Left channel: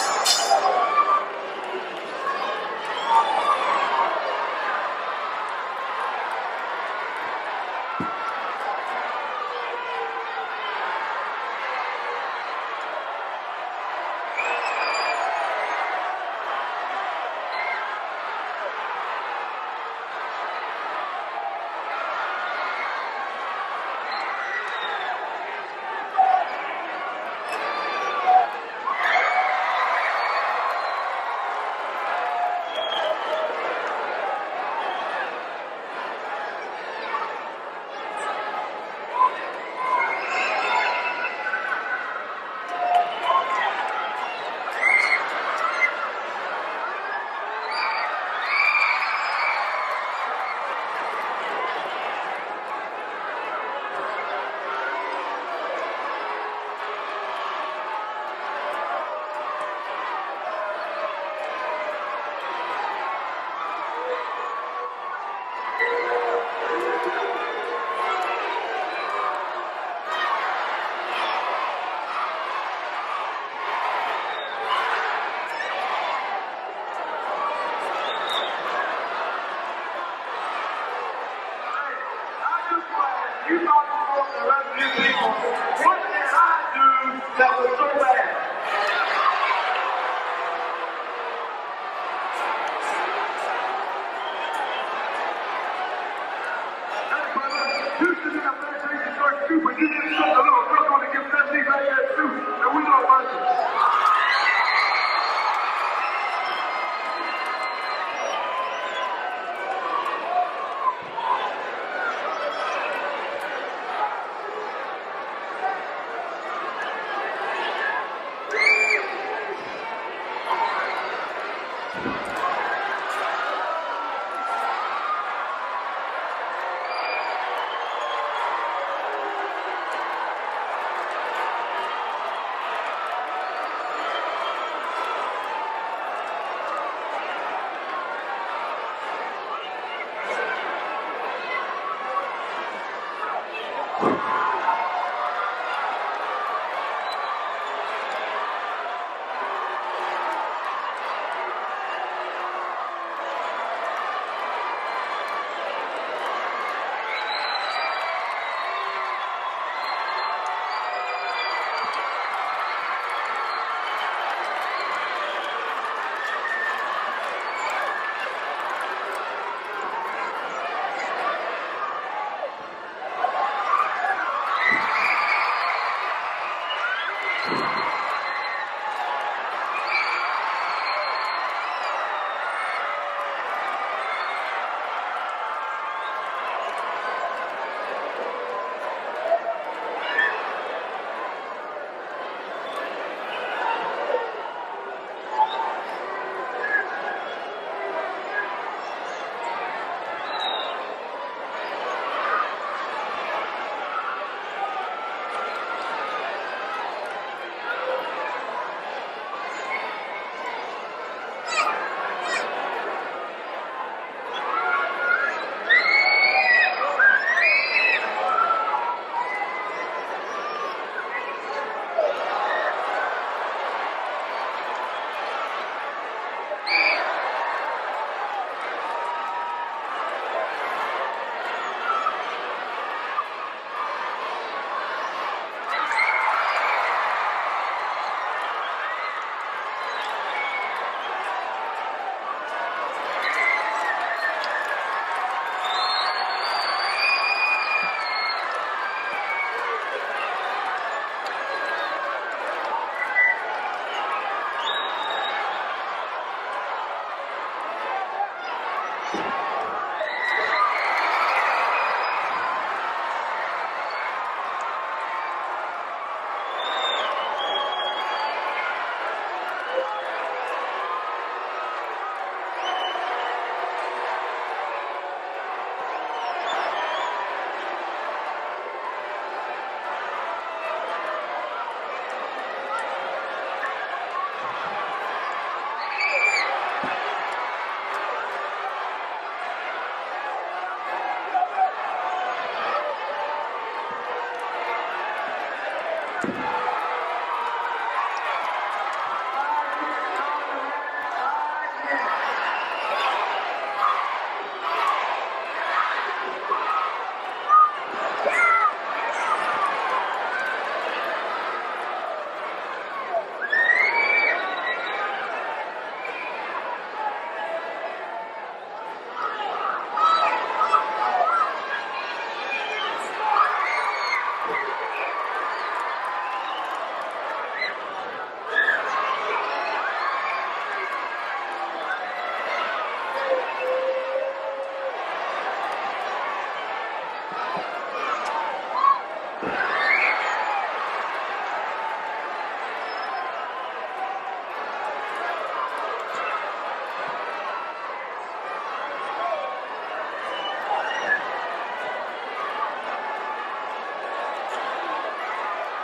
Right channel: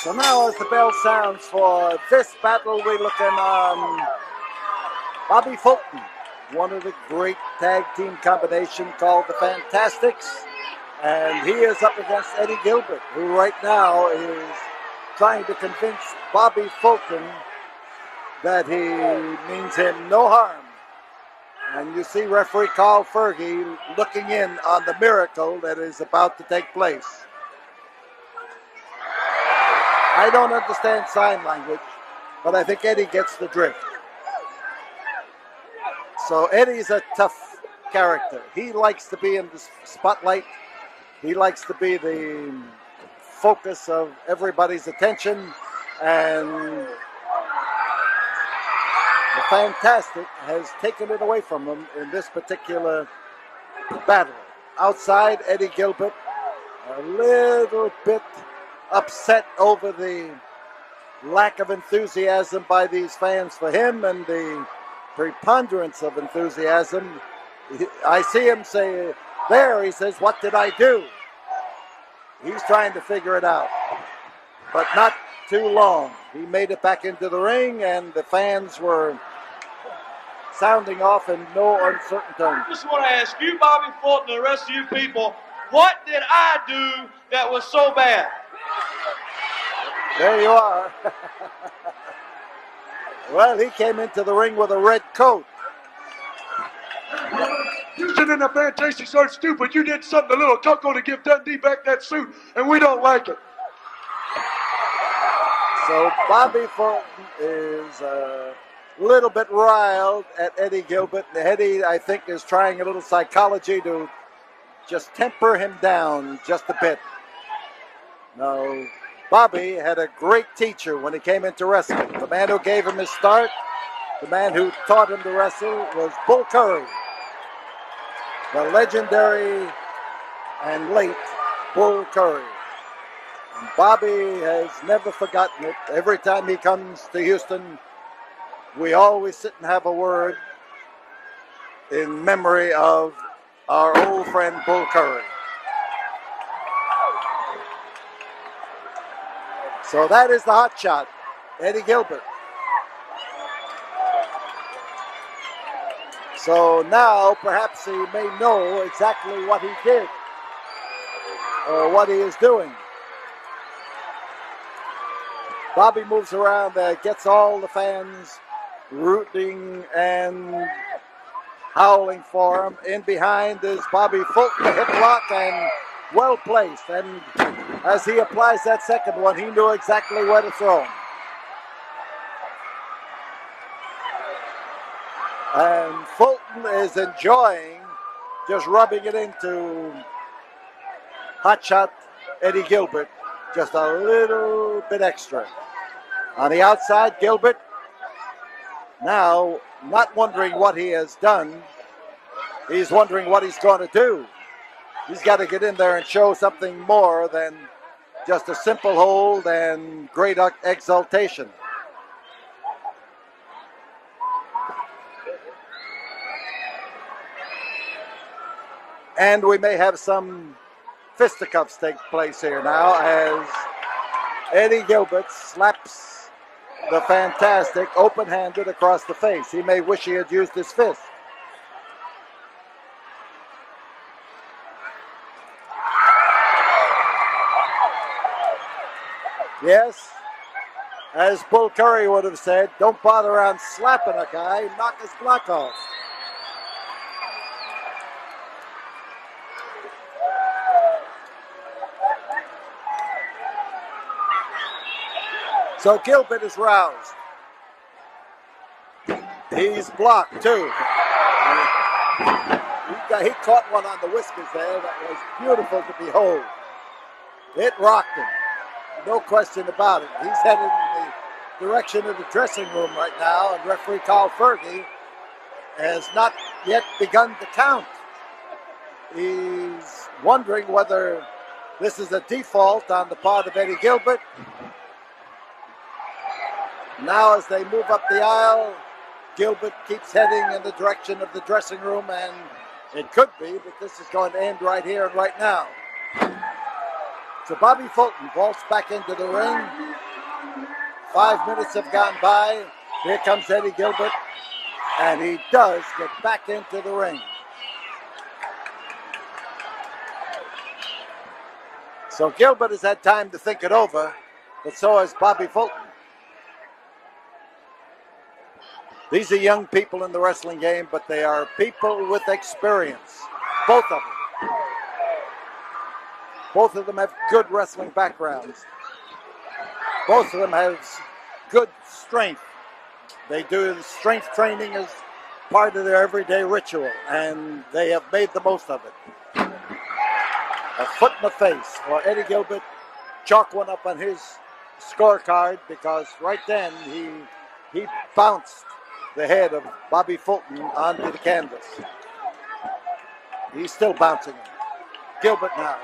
So now as the bell sounds for this battle, we look in on Bobby Fulton, one of the great tag team combination called the Fantastics. And he is up against Eddie Gilbert, who right now is trying to convince Bobby Fulton that he means him no harm. And you see referee Carl Fergie looking in on the miracle that is about to take place. I don't understand sign language, but I think Eddie gets the drift. So Eddie's a tough character. He likes to be in the spotlight. He likes to be the focus of everybody's attention. And the Fantastic has taken it away from him in this particular battle. Outside, Eddie Gilbert, a little bit upset over the lack of enthusiasm by these fans for him and the preponderance of enthusiasm. I see him say, there, he says, what did I do? He's trying to figure it out, but not too long. He made it back into the ring, and the fans were sounding off in no uncertain terms. I just want to ask you, Bobby Fulton, and the rest of you people, what did I do that was so bad? There you are. Well, he came into the ring with a red coat. You sit in the Fantastic so stupid, you did something a little couple to give Dundee back that suit, and we don't like it. So Bobby Fulton is a little bit riled at Eddie Gilbert. Eddie, I think, is trying a little psychology to just temper him down just a bit. Bobby had a great teacher when he came into wrestling. The man who gave him his start, the man who taught him to wrestle was Bull Curry. The legendary and late Bull Curry. And Bobby has never forgotten it. Every time he comes to Houston, we always sit and have a word in memory of our old friend Bull Curry. So that is the hot shot, Eddie Gilbert. So now perhaps he may know exactly what he did or what he is doing. Bobby moves around, gets all the fans rooting and howling for him. In behind is Bobby Fulton, the hip lock, and well placed. And as he applies that second one, he knew exactly where to throw. And Fulton is enjoying just rubbing it into hotshot Eddie Gilbert just a little bit extra. On the outside, Gilbert now not wondering what he has done. He's wondering what he's going to do. He's got to get in there and show something more than just a simple hold and great exaltation. And we may have some fisticuffs take place here now as Eddie Gilbert slaps the Fantastic open-handed across the face. He may wish he had used his fist. Yes, as Bull Curry would have said, don't bother around slapping a guy, knock his block off. So Gilbert is roused. He's blocked too. He caught one on the whiskers there that was beautiful to behold. It rocked him. No question about it. He's heading in the direction of the dressing room right now, and referee Carl Fergie has not yet begun to count. He's wondering whether this is a default on the part of Eddie Gilbert. Now as they move up the aisle, Gilbert keeps heading in the direction of the dressing room, and it could be that this is going to end right here and right now. So Bobby Fulton vaults back into the ring. 5 minutes have gone by. Here comes Eddie Gilbert, and he does get back into the ring. So Gilbert has had time to think it over, but so has Bobby Fulton. These are young people in the wrestling game, but they are people with experience. Both of them. Both of them have good wrestling backgrounds. Both of them have good strength. They do strength training as part of their everyday ritual, and they have made the most of it. A foot in the face for Eddie Gilbert. Chalk one up on his scorecard because right then he bounced the head of Bobby Fulton onto the canvas. He's still bouncing. Gilbert now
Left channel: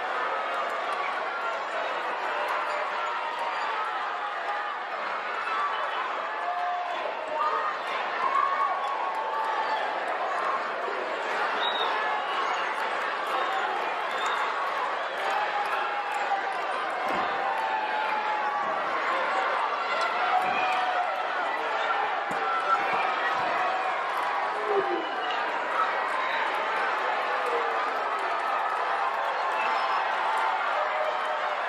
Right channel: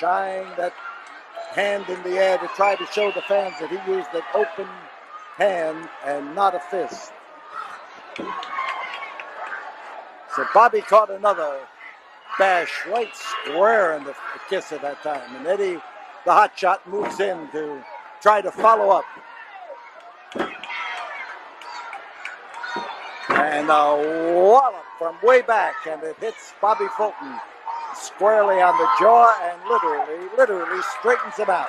shine that hand in the air to try to show the fans that he used an open hand and not a fist. So Bobby caught another bash right square in the kiss at that time. And Eddie, the hot shot, moves in to try to follow up. And one from way back, and it hits Bobby Fulton squarely on the jaw and literally straightens him out.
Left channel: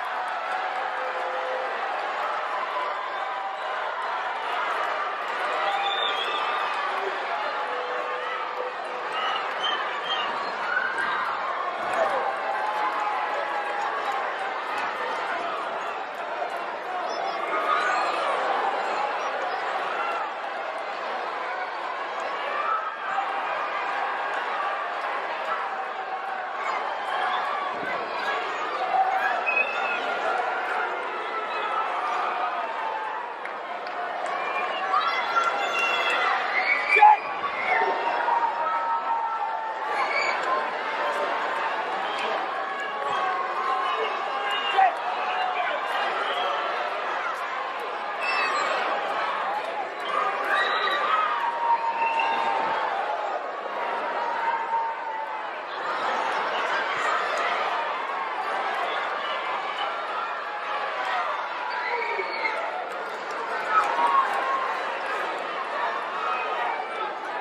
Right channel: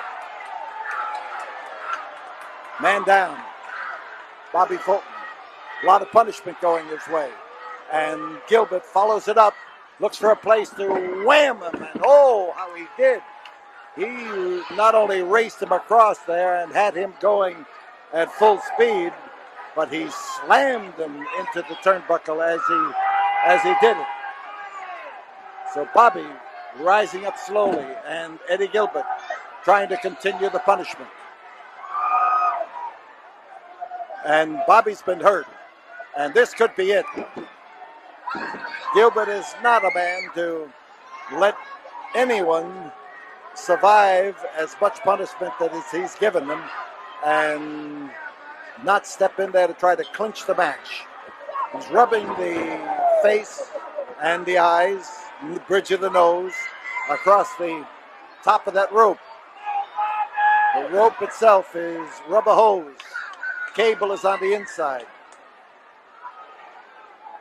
Man down. Bobby Fulton. A lot of punishment going this way. And Gilbert follows it up, looks for a place to wham him. Oh, he did. He not only raced him across there and had him going at full speed, but he slammed him into the turnbuckle as he did it. So Bobby rising up slowly, and Eddie Gilbert trying to continue the punishment. And Bobby's been hurt, and this could be it. Gilbert is not a man to let anyone survive as much punishment as he's given them and not step in there to try to clinch the match. He's rubbing the face and the eyes and the bridge of the nose across the top of that rope. The rope itself is rubber hose. Cable is on the inside.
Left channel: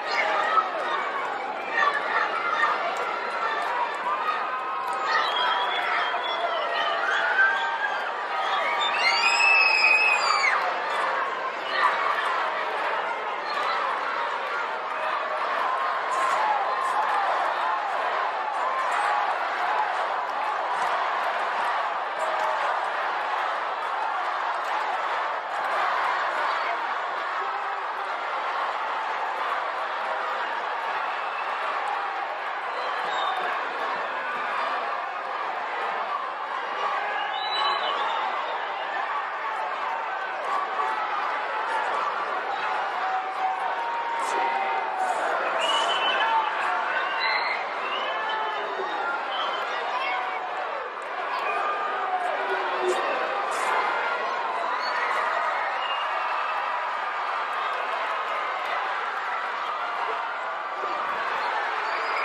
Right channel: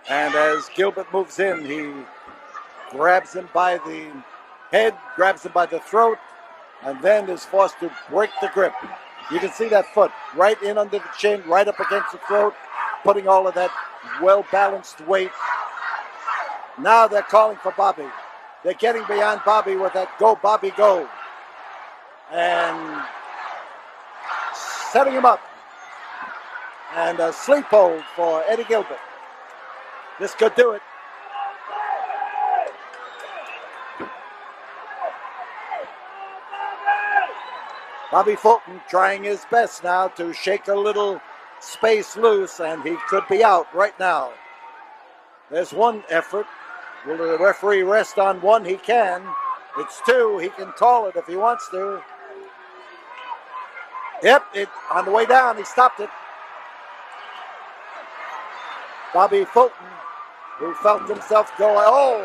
And as Gilbert moves in, he grabs him by the head, grabs him by the throat, and then is forced to break the grip. You can see that foot right in under the chin, right up against the throat, putting all of that well-balanced weight. Now they're calling for Bobby. They're getting beyond Bobby with that go, Bobby, go. And setting him up. And a sleep hold for Eddie Gilbert. This could do it. Bobby Fulton trying his best now to shake a little space loose, and he could be out right now. There's one effort. Will the referee rest on one? He can. It's two. He can call it if he wants to. Yep, on the way down, he stopped it. Bobby Fulton, who felt himself going,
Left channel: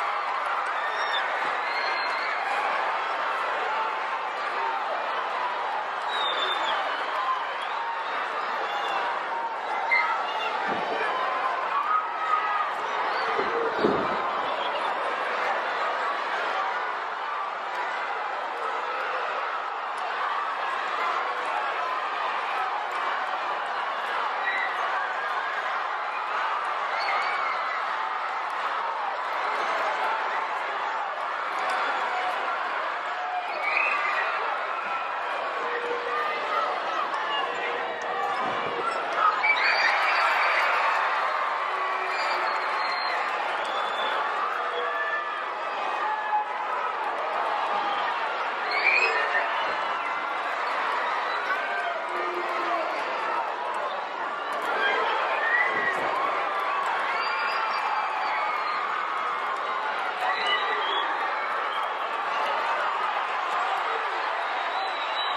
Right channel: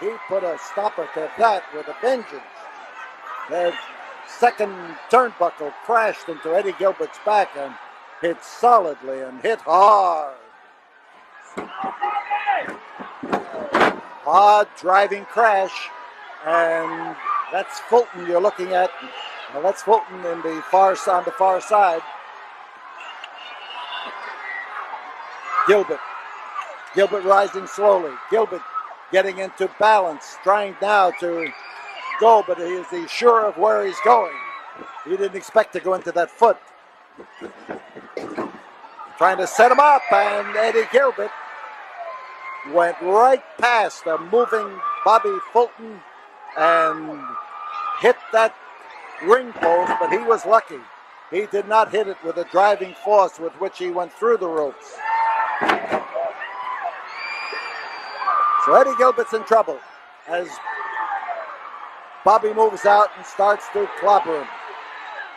he put a stopper to that with a vengeance. The second turnbuckle crashed into Eddie Gilbert's back and hit solidly and hit hard. Hard driving crash, and that's Fulton you're looking at. Now that's Fulton on the far side. Gilbert rising slowly. Gilbert getting into balance, trying now to go, but he's sure of where he's going. He didn't expect to go into that foot. Trying to set him up, and Eddie Gilbert went right past a moving Bobby Fulton and hit that ring post, but he was lucky. He did not hit it with the driving force with which he went through the ropes. So Eddie Gilbert's in trouble as Bobby moves out and starts to clobber him.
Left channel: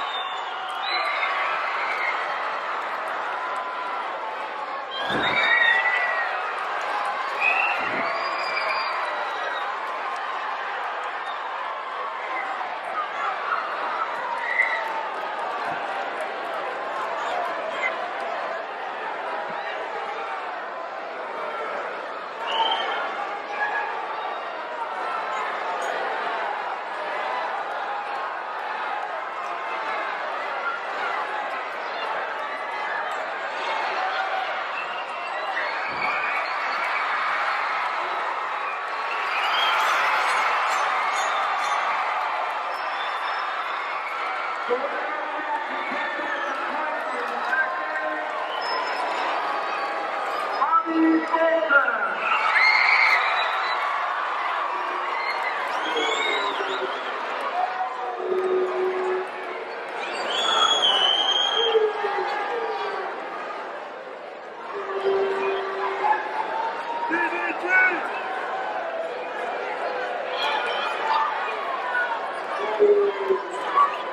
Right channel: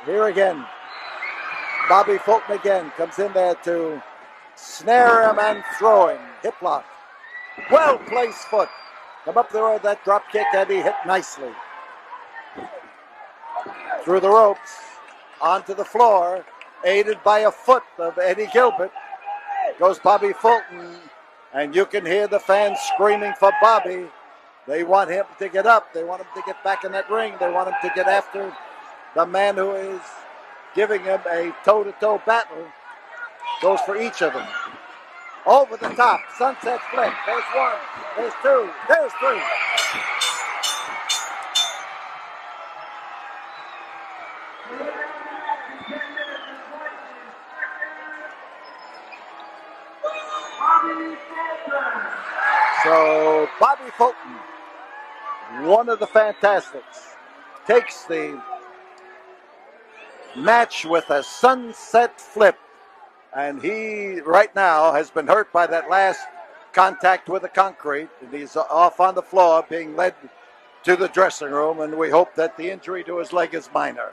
Here again, Bobby Fulton again comes in there to snare him and throw him. Hip lock. Well-placed foot. Come up there with that drop kick that he hit nicely. Through the ropes, onto the floor, aided by a foot of Eddie Gilbert, goes Bobby Fulton. And you can hear the fans screaming for Bobby. They want him to get up. They want him to get back in that ring. They want him to get after the man who is giving him a toe-to-toe battle. Goes for each of them. Over the top, sunset flip. There's one, there's two, there's three. So Bobby Fulton, one of the Fantastics, takes the match with a sunset flip. And he, right now, has been hurt by that last contact with the concrete. He's off on the floor being led to the dressing room, and we hope that the injury to his leg is minor.